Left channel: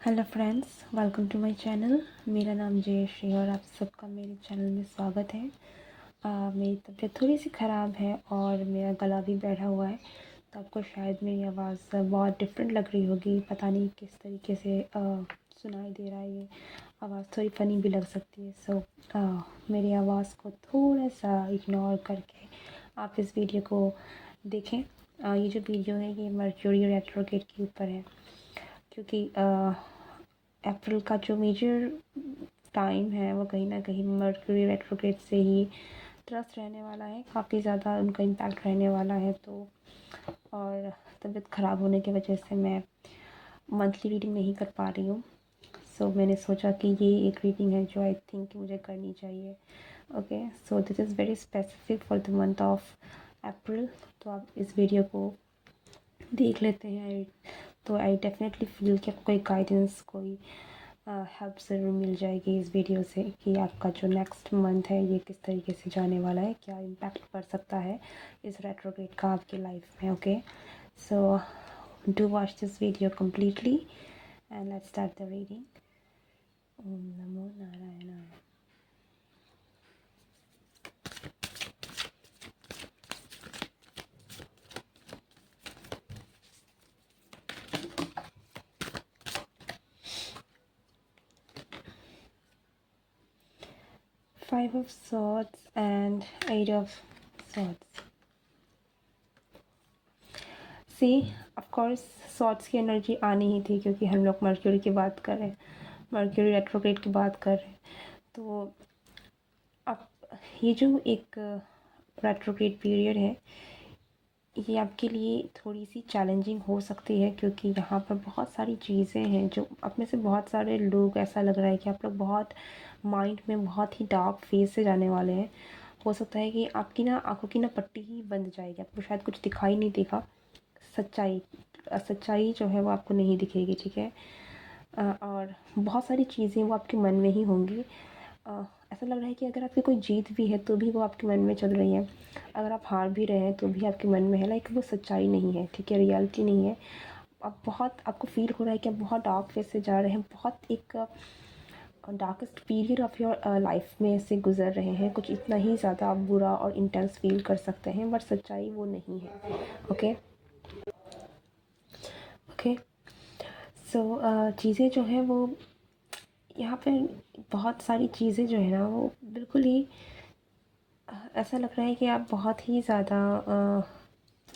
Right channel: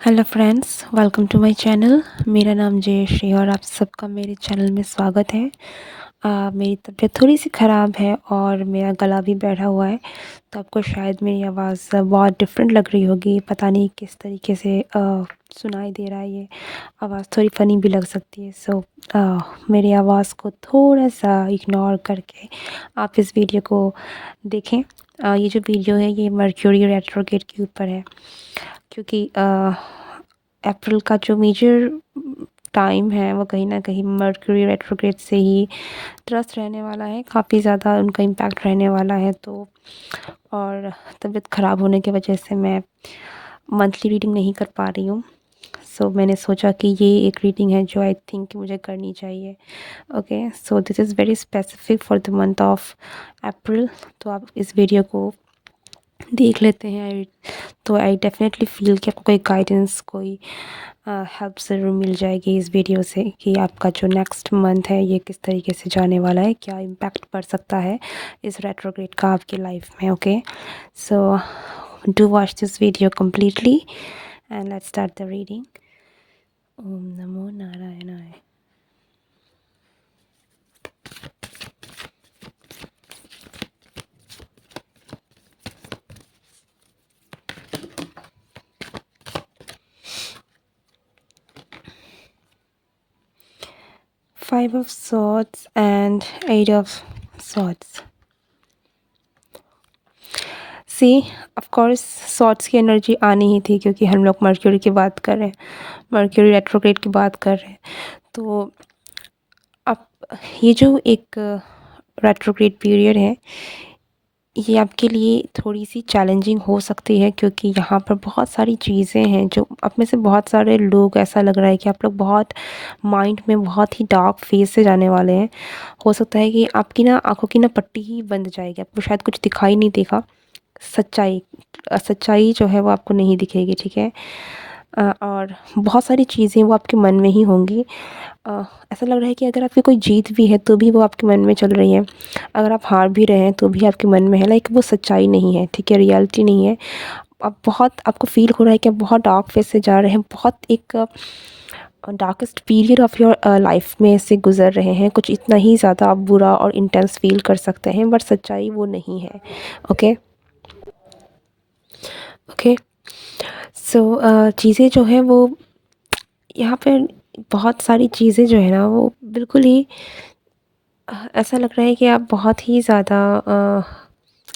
Hello friends, welcome to my channel. मेरा नाम जयश्री और आप सबका मेरे चैनल में स्वागत है। मेरी तबीयत थोड़ी सी ख़राब है और मेरा गला भी बैठा हुआ है, तो आपको शायद मेरी आवाज़ बहुत डिफरेंट लग रही होगी। पता नहीं किस तरीके से सुनाई दे रहा है, ये आवाज़ थोड़ी फ़नी भी लग सकती है। सो मेरी आवाज़ को थोड़ा सा इग्नोर करके आप इस वीडियो को देखें। ये जो वीडियो है ये मर्क्यूरी रेट्रोग्रेड के ऊपर है, क्योंकि अप्रैल का जो मेजर टाइम है वो कहीं ना कहीं मर्क्यूरी रेट्रोग्रेड से ही त्रस्त रहने वाला है, काफ़ी ज़्यादा उनका इम्पैक्ट रहने वाला है। तो और तबीयत ख़राब होने की वजह से मैं मंथली रीडिंग नहीं कर पा रही हूँ। सो मैंने सोचा कि ये एक रीडिंग है जो आई थिंक मुझे करनी चाहिए। Okay, so this is very specific for the month of April. तो आप इस वीडियो को देख लेते हैं। तो आई डेफिनेटली फ़ील कि आपको कोई गाइडेंस, कोई हेल्प ज़रूर मिल जाएगी इस वीडियो से, कि आपका जो नेक्स्ट मंथ है ये किस तरीके से जाने वाला है, क्या इम्पैक्ट पड़ सकता है इस रेट्रोग्रेड का आपकी लाइफ में। Okay, so do watch this video completely and let's start the reading. Om नमो नारायणाय। 5 of Swords and 8 of Swords। See, of course swords की एनर्जी आनी ही थी, क्योंकि हम लोग मर्क्यूरी की बात कर रहे हैं, मर्क्यूरी रेट्रोग्रेड की बात कर रहे हैं। तो अब ये जो एक रेट्रोग्रेड पीरियड है ये आपके लिए थोड़ी सी चैलेंजिंग हो सकती है, क्योंकि यहाँ पर बहुत सारी चीज़ें हैं जो आप में से बहुत सारे लोग, ऐसा लग रहा है कि आप लोग बहुत माइंड में बहुत ही डार्क फेज से जाने वाले हैं। हो सकता है कि आपकी ना आंखों की ना पट्टी ही बंद जाएगी, आपको शायद कुछ दिखाई नहीं देगा। सच्चाई सच्चाई जो है वो आपको नहीं दिखेगी, ठीक है। और बहुत सारी चीज़ें वो आपके मन में ही होंगी। ऐसा लग रहा है कि अगर आपकी कोई जीत भी है तो भी वो आपके मन में चल रही है, अगर आप हार भी रहे हैं तो भी आपके मन में है, लाइक वो सच्चाई नहीं है, ठीक है, रियलिटी नहीं है। आप बहुत, आपको फील हो रहा है कि आप बहुत डार्क फेज से जा रहे हैं, बहुत एक darkest period of your life में से गुजर रहे हैं। कुछ इतना ही ज़्यादा आप बुरा और इंटेंस फील कर सकते हैं, बट सच्चाई वो नहीं है। Okay, okay. सो चीज़ें जो हैं वो यहाँ पे, बहुत सारी चीज़ें जो है ना वो बिल्कुल ही ऐसा लग रहा है कि आप बहुत ही ज़्यादा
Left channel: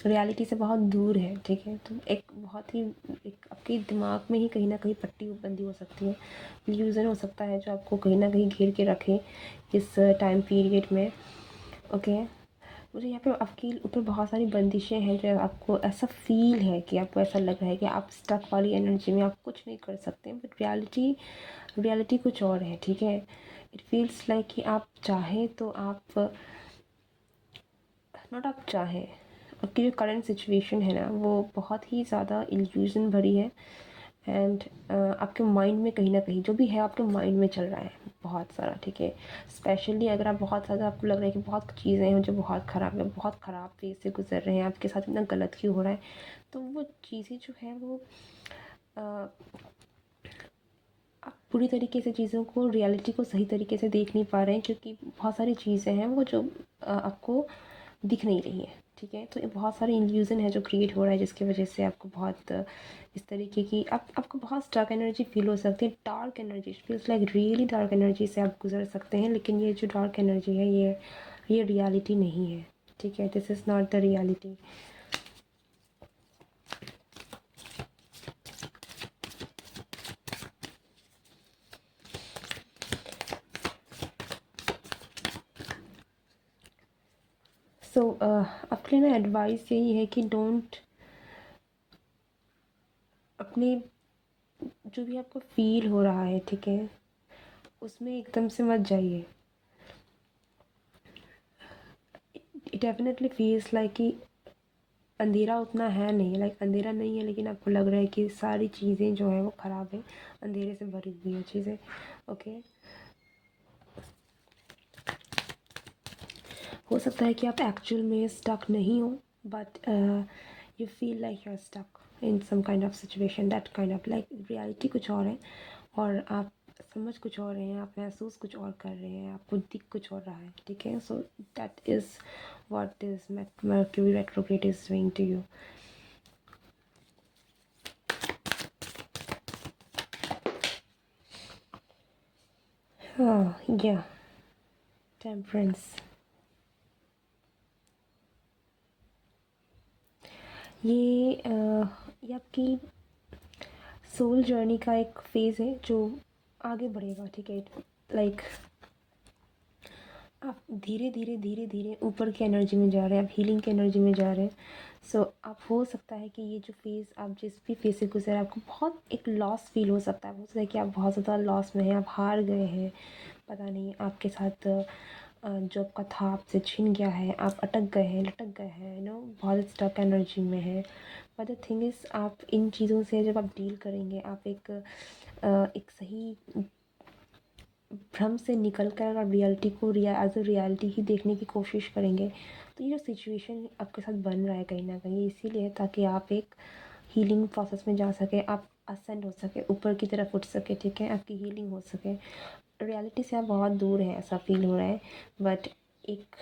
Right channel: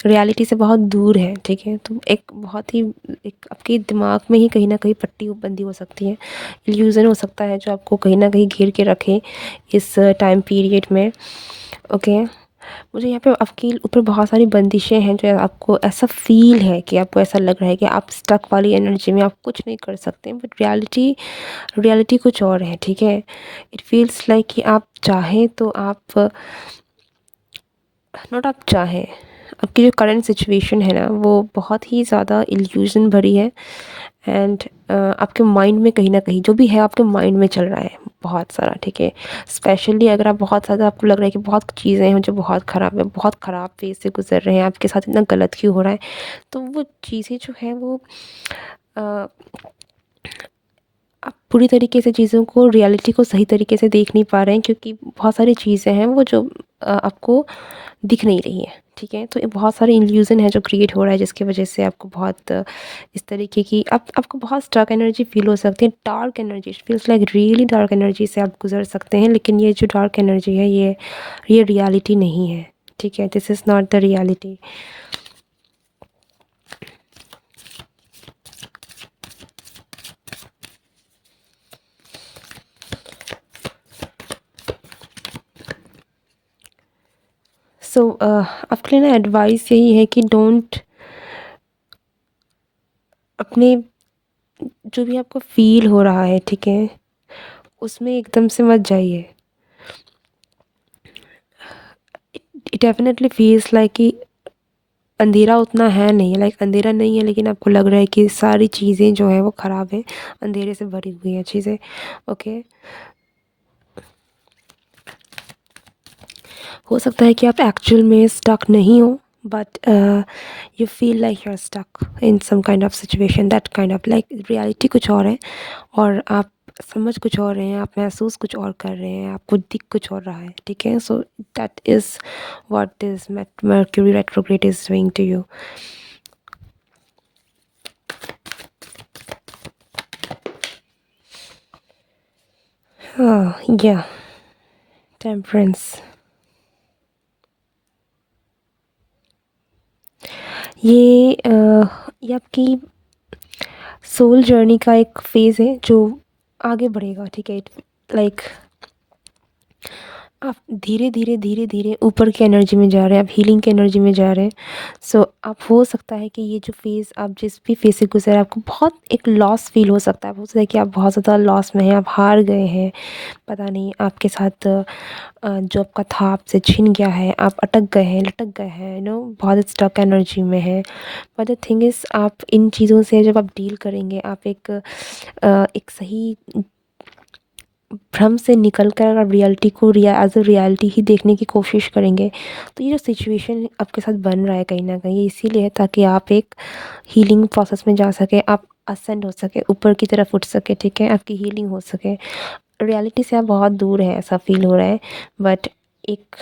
रियलिटी से बहुत दूर है, ठीक है। तो एक बहुत ही, एक आपके दिमाग में ही कहीं ना कहीं पट्टी बंदी हो सकती है, इल्यूज़न हो सकता है जो आपको कहीं ना कहीं घेर के रखे इस टाइम पीरियड में। ओके, मुझे यहाँ पे आपके ऊपर बहुत सारी बंदिशें हैं, जो आपको ऐसा फ़ील है कि आपको ऐसा लग रहा है कि आप स्टक वाली एनर्जी में आप कुछ नहीं कर सकते, बट रियलिटी, रियलिटी कुछ और है, ठीक है। इट फील्स लाइक कि आप चाहें तो आप, नॉट आप चाहें, आपकी जो करंट सिचुएशन है ना वो बहुत ही ज़्यादा इल्यूज़न भरी है। एंड आपके माइंड में कहीं ना कहीं जो भी है आपके माइंड में चल रहा है बहुत सारा, ठीक है। स्पेशली अगर आप बहुत ज़्यादा, आपको लग रहा है कि बहुत चीज़ें हैं जो बहुत ख़राब है, बहुत ख़राब फेज से गुजर रहे हैं, आपके साथ इतना गलत क्यों हो रहा है, तो वो चीज़ें जो है वो अ, आप पूरी तरीके से चीज़ों को, रियलिटी को सही तरीके से देख नहीं पा रहे हैं, क्योंकि बहुत सारी चीज़ें हैं वो जो आपको दिख नहीं रही है, ठीक है। तो ये बहुत सारे इल्यूज़न है जो क्रिएट हो रहा है, जिसकी वजह से आपको बहुत इस तरीके की, आपको बहुत स्टक एनर्जी फील हो सकती है, dark energy, feels like really dark energy से आप गुजर सकते हैं। लेकिन ये जो डार्क एनर्जी है ये रियलिटी नहीं है, ठीक है। This is not the reality. So आपके लिए ना एडवाइस यही है कि डोंट, अपने जो भी आपको फील हो रहा है, ठीक है, उसमें एकदम से मत जाइए। इट डेफिनेटली फील्स लाइक कि अंधेरा उतना है नहीं, लाइक अंधेरा नहीं है, लेकिन आपको लग रहा है कि सारी चीज़ें जो है वो ख़राब है, अंधेरे से भरी हुई है चीज़ें। ओके, हो सकता है कि आप एक्चुअल में स्टक नहीं हो, but you feel like you're stuck in some kind of situation, that kind of like reality कुछ और है और आप समझ कुछ और रहे हैं, आप महसूस कुछ और कर रहे हैं, आपको दिख कुछ और रहा है, ठीक है। So that is what this Mercury retrograde is doing to you. या टेम्परेंस, ये आपकी सोल जर्नी का एक फ़ेज़ है जो आगे बढ़ेगा, ठीक है। लाइक आप धीरे धीरे धीरे धीरे ऊपर की एनर्जी में जा रहे हैं, आप हीलिंग की एनर्जी में जा रहे हैं। सो आप हो सकता है कि ये जो फेज़ आप जिस भी फेज़ से गुजरे आपको बहुत एक लॉस फील हो सकता है, हो सकता है कि आप बहुत ज़्यादा लॉस में हैं, आप हार गए हैं, पता नहीं आपके साथ जो आपका था आपसे छिन गया है, आप अटक गए हैं, लटक गए हैं, बहुत स्टक एनर्जी में है। बट द थिंग इज़ आप इन चीज़ों से जब आप डील करेंगे, आप एक सही भ्रम से निकल कर अगर रियलिटी को एज अ रियलिटी ही देखने की कोशिश करेंगे, तो ये जो सिचुएशन आपके साथ बन रहा है कहीं ना कहीं इसीलिए है ताकि आप एक हीलिंग प्रोसेस में जा सके, आप असेंड हो सके, ऊपर की तरफ उठ सके, ठीक है, आपकी हीलिंग हो सके। रियलिटी से आप बहुत दूर है ऐसा फील हो रहा है, बट एक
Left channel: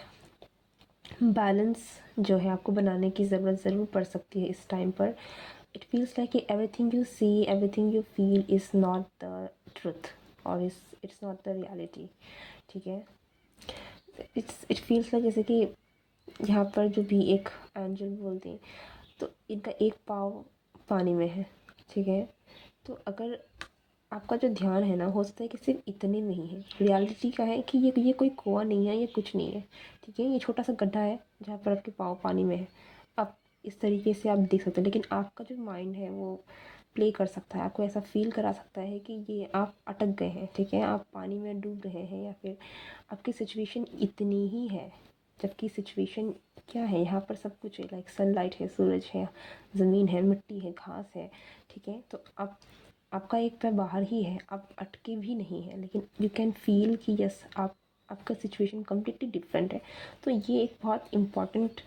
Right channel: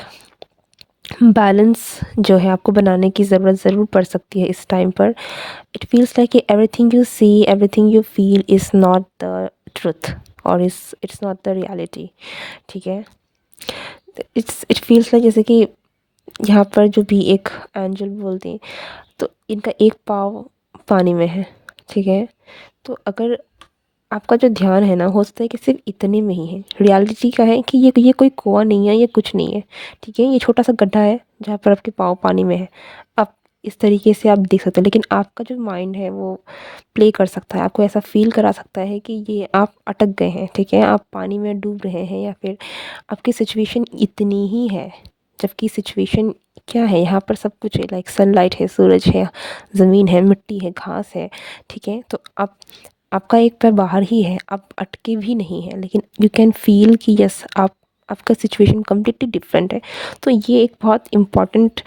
बैलेंस जो है आपको बनाने की ज़रूरत ज़रूर पड़ सकती है इस टाइम पर। It feels like everything you see, everything you feel is not the truth और इट्स नॉट द रियलिटी, ठीक है। इट फील्स लाइक जैसे कि यहाँ पर जो भी एक एंजल बोलते हैं, तो इनका एक पाँव पानी में है, ठीक है। तो अगर आपका जो ध्यान है ना, हो सकता है कि सिर्फ इतने में ही है। रियलिटी का है कि ये कोई कुआं नहीं है, ये कुछ नहीं है, ठीक है। ये छोटा सा गड्ढा है जहाँ पर आपके पाँव पानी में है। आप इस तरीके से आप देख सकते हैं, लेकिन आपका जो माइंड है वो प्ले कर सकता है, आपको ऐसा फील करा सकता है कि ये आप अटक गए हैं, ठीक है, आप पानी में डूब रहे हैं, या फिर आपकी सिचुएशन इतनी ही है। जबकि सिचुएशन क्या है, यहाँ पर सब कुछ है, लाइक सनलाइट है, सूरज है, ज़मीन है, मिट्टी है, घास है, ठीक है। तो आप आपका एक पैर बाहर ही है, आप अटके भी नहीं हैं, लेकिन यू कैन फील कि यस आप आपका सिचुएशन कम्प्लीटली डिफरेंट है। तो ये एक बहुत इम्पॉर्टेंट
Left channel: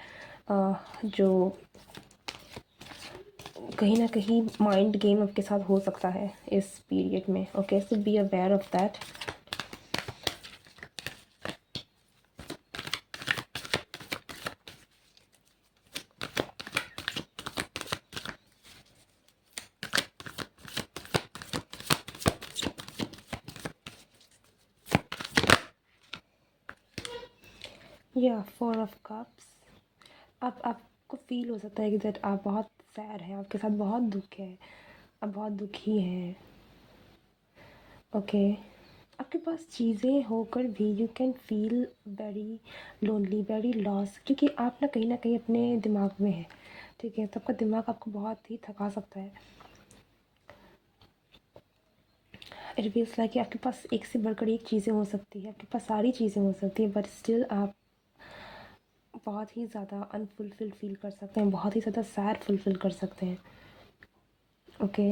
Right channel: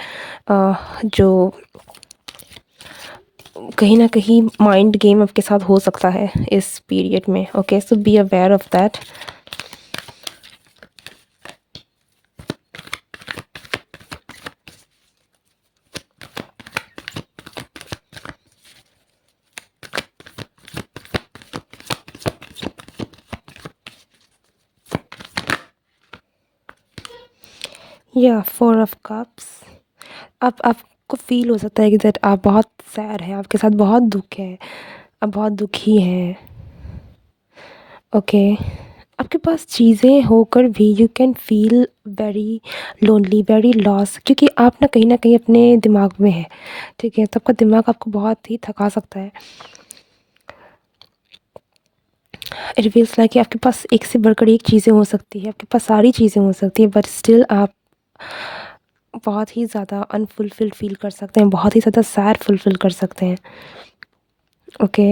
जो कहीं ना कहीं माइंड गेम आपके साथ हो सकता है इस पीरियड में। Okay, so be aware of that. या 4 ऑफ कप्स, आपको फील हो सकता है कि दैट आप बहुत सैड हैं, आपके साथ बहुत दुख है, आप बहुत दुखी हैं। ओके, आपके पास चीज़ें होकर भी you can feel very lonely, very loss, क्योंकि आप ना कहीं अपने दिमाग में है, ठीक है। तो आपका दिमाग आपको बहुत ही थका सकता है। इट फील्स लाइक कि आपके पास एक से बढ़कर एक चीज़ें हो सकती है, आपके पास सारी चीज़ें हो सकती है, बट स्टिल आप बहुत ही ज़्यादा अनफुलफिल्ड फील कर सकते हैं, बहुत ही ज़्यादा सैड फुलफिल कर सकते हैं। ओके,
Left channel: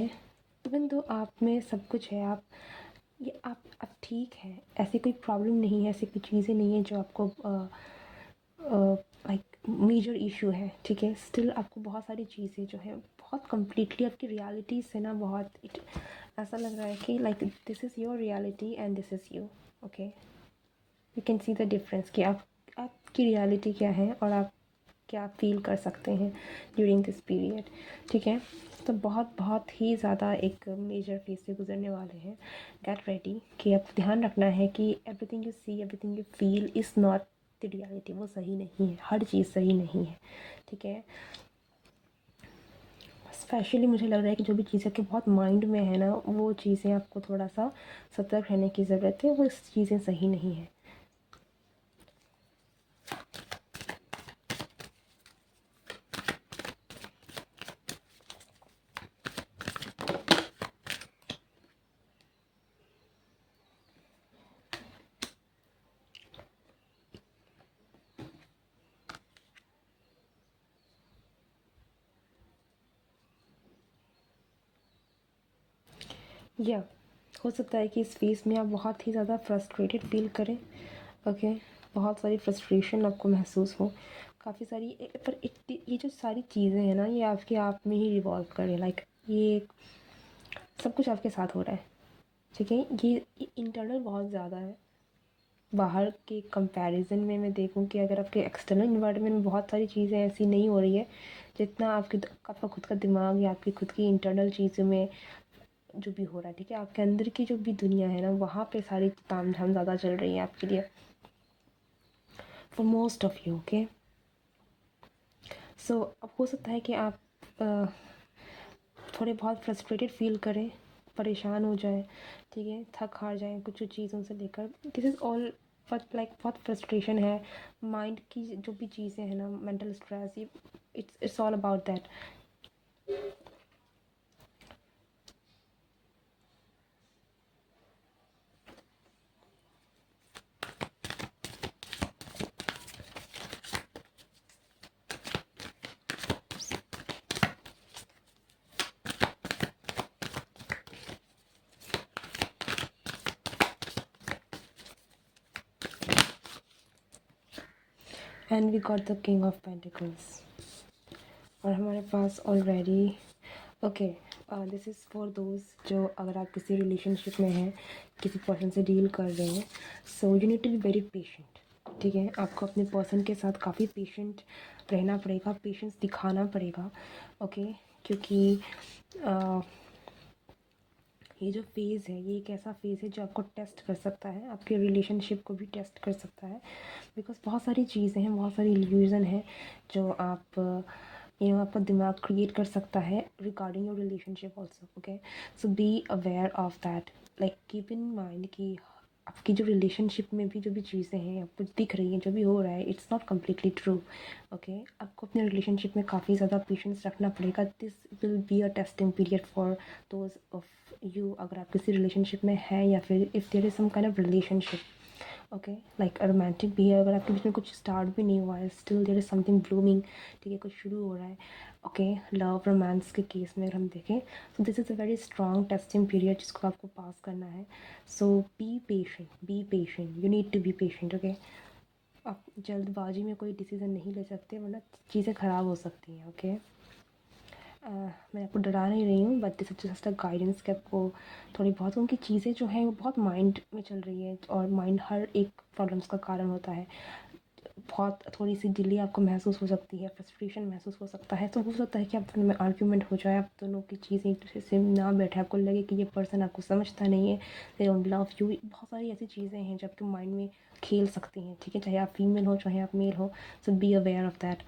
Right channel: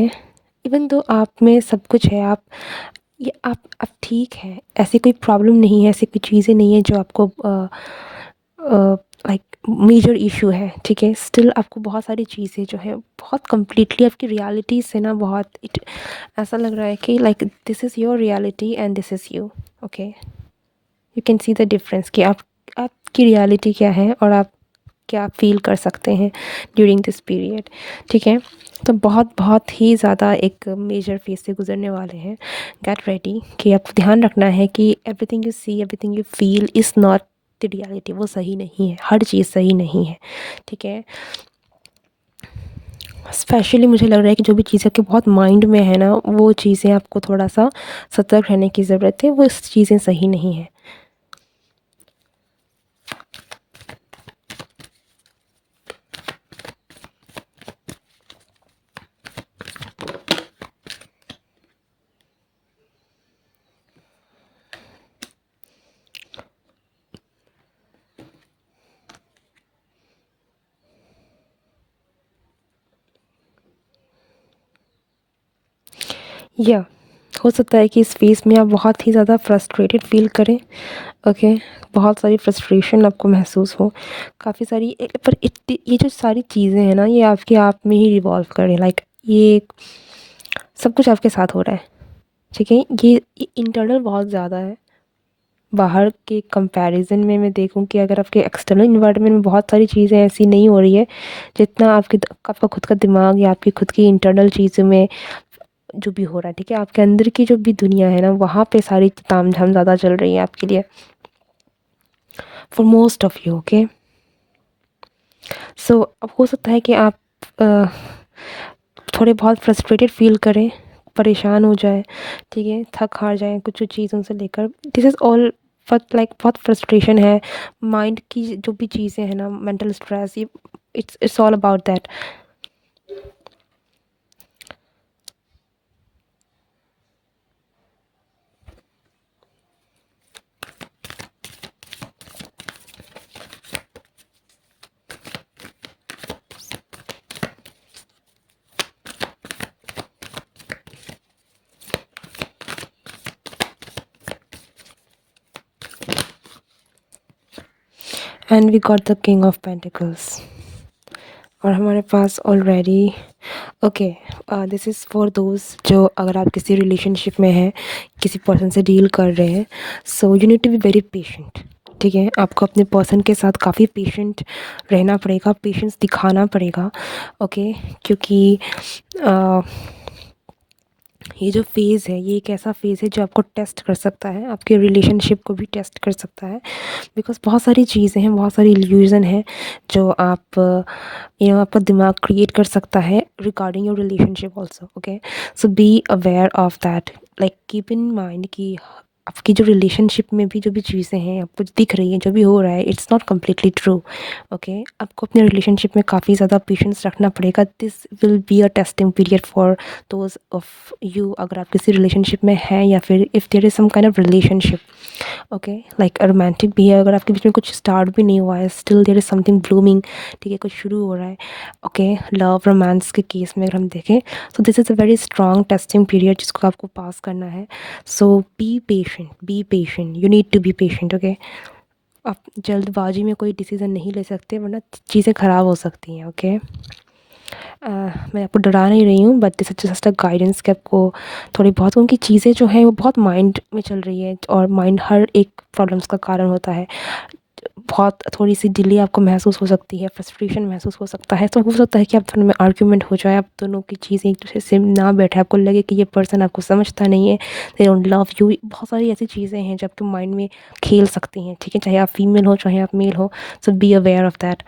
इवन दो आप में सब कुछ है, आप ठीक हैं, ऐसी कोई प्रॉब्लम नहीं है, ऐसी कोई चीज़ें नहीं है जो आपको लाइक मेजर इशू है, ठीक है। स्टिल आपको बहुत सारी चीज़ें जो है बहुत कम्प्लीटली आपकी रियलिटी से ना बहुत इट ऐसा लग रहा है कि like this is your reality and this is you. Okay, you can see the difference कि आपकी रियलिटी क्या है और आप क्या फ़ील कर सकते हैं ड्यूरिंग दिस पीरियड, ठीक है। तो बहुत बहुत ही ज़्यादा एक मेजर फेज़ से गुजरने वाले हैं। गेट रेडी कि आपको ध्यान रखना है कि everything you see, everything you feel is not the reality. वो सही नहीं है, हर चीज़ सही नहीं है, ठीक है। स्पेशली मुझे लग रहा है कि जो भी चीज़ें आपके बहुत माइंड में है ना, वो चीज़ें आपको थोड़ा सा सतर्क रहने की ज़रूरत है, वो चीज़ें सही नहीं है। या हो सकता है कि इस फेज़ में आप बहुत ही ज़्यादा फ्रस्ट्रेटेड फ़ील करें, ओके। बहुत सारी फ्रस्ट्रेशन आपको महसूस हो, काफ़ी सारी पर ये जो सारी चीज़ें हैं ना, ये आपके आप में ही रिवॉल्व करें, लाइक ये सब कुछ आपके साथ हो रहा है, ठीक है। ये इंटरनल बहुत ज़्यादा है। बाहर के कंपैरिजन में मैं देखूं कि अगर आपके एक्सटर्नल इन्वायरमेंट में बहुत सारी चीज़ें ऐसी नहीं हो रही है जितना आपका खुद का दिमाग या आपकी खुद की इंटरनल चीज़ों में जो भी हो रहा है, ठीक है। आपके अंदर की जो भी दुनिया है ना, वहाँ पे सारी ताम झाम ज़्यादा चल रही है आपके लिए, for most of you, okay. So अब हो सकता है कि आप थोड़े बहुत फ्रस्ट्रेटेड फील करें, परेशान हो जाए, ठीक है, थक हार जाएँ कुछ चीज़ों से लेकर। This is all but like बहुत फ्रस्ट्रेशन है, माइंड की जो भी चीज़ें हैं ना, मेंटल स्ट्रेस, ये it's all about that. And we got the king of pentacles, और हमारे पास already, okay, this is for those जो अगर आप किसी रिलेशनशिप में हैं, किसी पर्सन से डील कर रहे हैं, so you need to be very patient, ठीक है। आपको अपने पर्सन के साथ काफ़ी पेशेंट रहना पड़ेगा, पेशेंस दिखाना पड़ेगा, ओके। क्योंकि ये जो फ़ेज़ है, ये एक ऐसा फ़ेज़ है जो आपको टेस्ट कर सकता है, आपके रिलेशनशिप को भी टेस्ट कर सकता है। बिकॉज़ बहुत सारी चीज़ें हैं, बहुत सारी इल्यूज़न है जो आप आपका दिमाग क्रिएट कर सकता है regarding your relationship also, okay. So be aware of that, like keep in mind कि आपकी जो रिलेशनशिप में भी जो भी चीज़ें हैं आपको दिख रही हैं, जो भी हो रहा है, it's not completely true, okay. आपको अपने रिलेशनशिप में काफ़ी ज़्यादा पेशेंस रखना पड़ेगा। This will be a testing period for those of you, अगर आप किसी रिलेशनशिप में हैं या फिर if there is some kind of relationship, okay, like romantic भी है, अगर आपके बीच में कुछ स्टार्ट भी नहीं हुआ है, still there is something blooming, ठीक है, कुछ शुरू हो रहा है, ओके। लव रोमांस के केस में अगर हम देखें, so this is a very strong testing period जिसको आपको पास करना है। So be patient, you need to be patient, okay. आप जल्दबाजी में कोई डिसीज़न नहीं ले सकते, वरना चीज़ें ख़राब हो सकती हैं, ओके। मैं आपको डरा नहीं रही हूँ, but this is just a guidance कि आपको थोड़ी बहुत उनकी चीज़ें जो हैं वो बहुत माइंड में चल रही है, और माइंड हर एक प्रॉब्लम्स का कारण होता है। बहुत थोड़ी-सी डिले आपको महसूस हो सकती है, फ्रस्ट्रेशन महसूस हो सकता है, तो हो सकता है कि आप दोनों में आर्ग्यूमेंट हो जाए, आप दोनों की चीज़ें एक-दूसरे से ना बैठे, आपको लगे कि ये पर्सन आपको समझता नहीं है, दे डोंट लव यू। बहुत सारी ऐसी चीज़ें हैं जो आपके माइंड में खेल सकती हैं, ठीक है? चाहे आप फीमेल हो, चाहे आप मेल हो, सो बी अवेयर ऑफ दैट।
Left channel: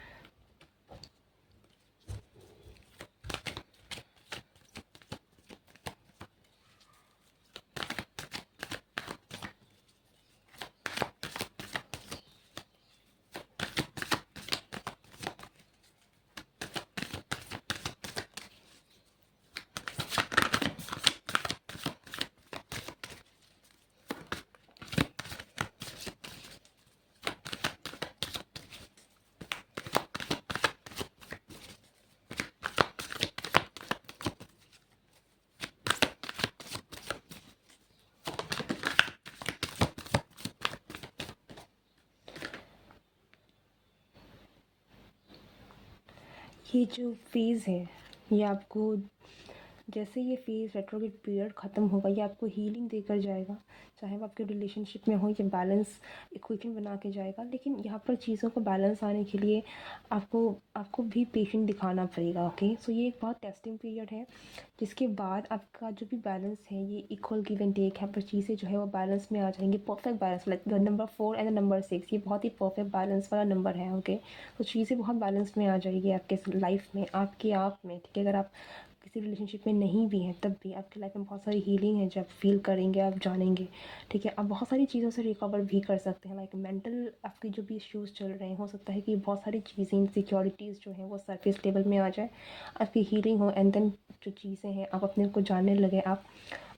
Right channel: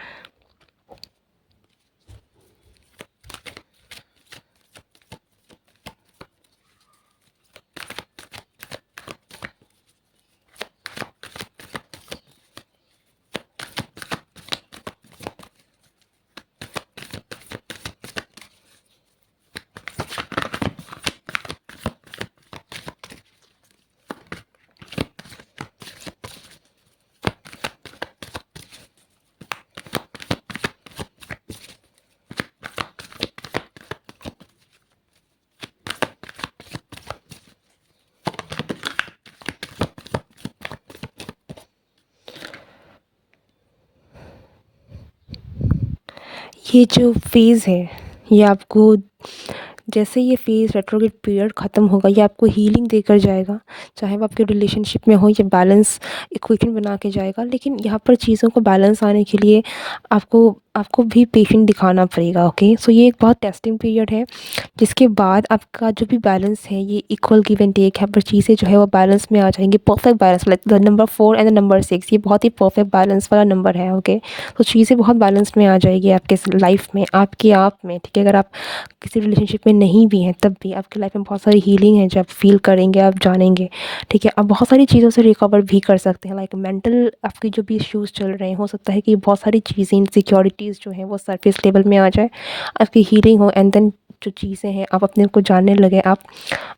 ये जो फ़ेज़ है, ये आपको, जैसे ये फ़ेज़ रेट्रोग्रेड पीरियड ख़त्म होगा, ये आपको हीलिंग देकर जाएगा। चाहे वो आपके रिलेशनशिप में हो, ये बैलेंस इक्वेशन बना के जाएगा। लेकिन यहाँ पर चीज़ों को बैलेंस आने के लिए आपको आपको भी पेशेंस दिखाना पड़ेगा, ओके। सो ये एक बहुत टेस्टिंग पीरियड है, जिसके बाद आपका जो भी बैलेंस है, ये इक्वल गिव एंड टेक है, पर चीज़ें जो है वो बैलेंस में आ जाएंगी, perfect balance, like the number 4 and the number 6, ये बहुत ही परफेक्ट बैलेंस वाला नंबर है, ओके। तो चीज़ें बहुत बैलेंस में आ जाएगी आपके लाइफ में, आपके आप में, ठीक है। अगर आप किसी रिलेशनशिप में नहीं भी हैं, तब भी आपकी लाइफ में बहुत सारी हीलिंग है जो आप फील करेंगे, आप जानेंगे, ठीक है। आप बहुत सारी चीज़ों से रिकवर भी कर सकते हैं, लाइक मेंटल आपकी जो भी इश्यूज़ चल रहे हैं, हो सकता है कि बहुत सारी चीज़ें, इनसिक्योरिटीज़ जो हैं वो सरफेस लेवल में आ जाए, आपकी हीलिंग हो, एंड देन जो चीज़ें हैं आप अपने को जानने लगे, आप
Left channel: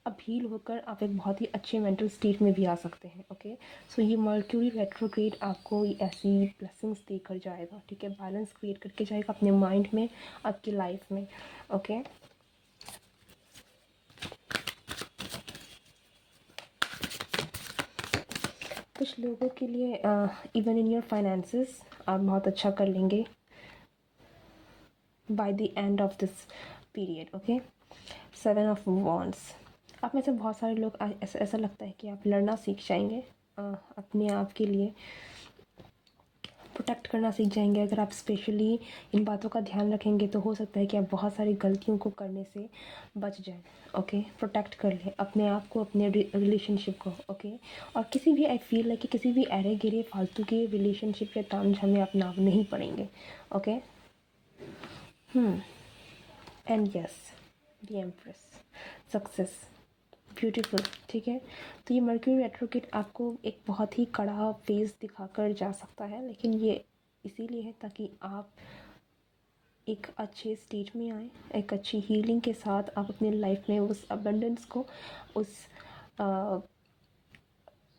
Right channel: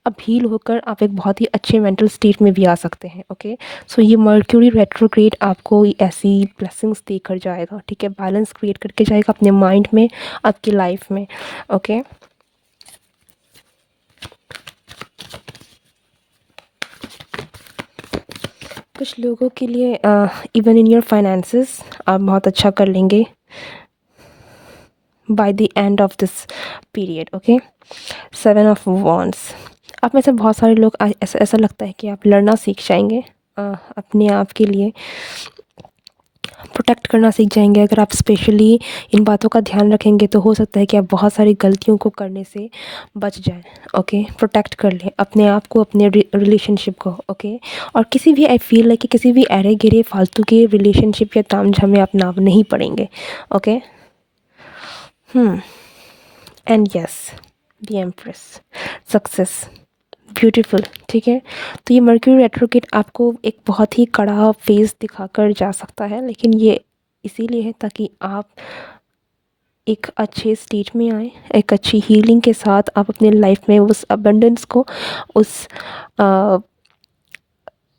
अब हील होकर आप एक बहुत ही अच्छे मेंटल स्टेट में भी आ सकते हैं, ओके। सो ये मर्क्यूरी रेट्रोग्रेड आपको ऐसी ब्लेसिंग्स देकर जाएगा, ठीक है, बैलेंस क्रिएट करके जाएगा अपने माइंड में, आपकी लाइफ में, ओके। कुछ लोगों के लिए इवन इन योर फाइनेंसेस आप बहुत अच्छा कर लेंगे by the end of this period. Okay, 7 of wands. आप में से बहुत सारे लोग ऐसा ऐसा लगता है कि आप लड़ना सीख जाएंगे, अपने आप के लिए प्रोटेक्ट करना सीख जाएंगे। अगर आप स्पेशली इन बातों का ध्यान रखेंगे तो हो सकता है कि आप बहुत सारी गलतियों को करने से बच जाएं। ओके, प्रोटेक्ट कर लें अपने आप को, अपने रिलेशनशिप को। ओके, और किसी भी, आई फील लाइक कि किसी भी अरे गिरे फालतू के रिलेशनशिप या तामझाम में आप नाम नहीं पड़ेंगे। Okay, and yes, the empress, success, beautiful. ठीक है, तो ये मर्क्यूरी रेट्रोग्रेड आपको एक बहुत ही कड़ा फेस दिखाकर जा सकता है, लेकिन ये इसीलिए है ताकि आप एक अच्छे स्टेज में आए, एक अच्छी हीलिंग के साथ आप अपने लाइफ में उस अबंडेंस को, उस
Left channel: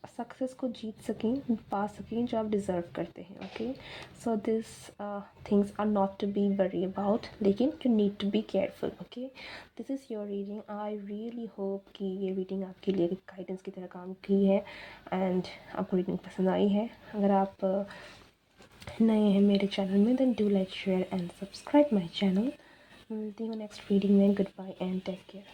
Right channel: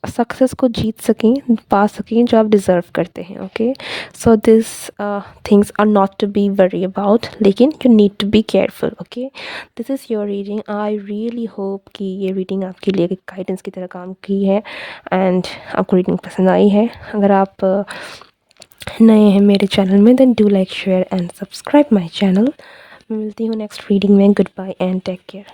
सक्सेस को जीत सकें, पा सकें जो आप डिज़र्व करते हैं। Okay, so this things are not to be worry about, लेकिन you need to be careful. Okay, this is your reading. I really hope कि ये रीडिंग आपके लिए एक गाइडेंस की तरह काम की है एंड आपको रीडिंग पसंद आई है। अगर आप नए हैं मेरे चैनल में, then do like, share and subscribe my channel. मिलती हूँ नेक्स्ट रीडिंग में। Good bye and take care.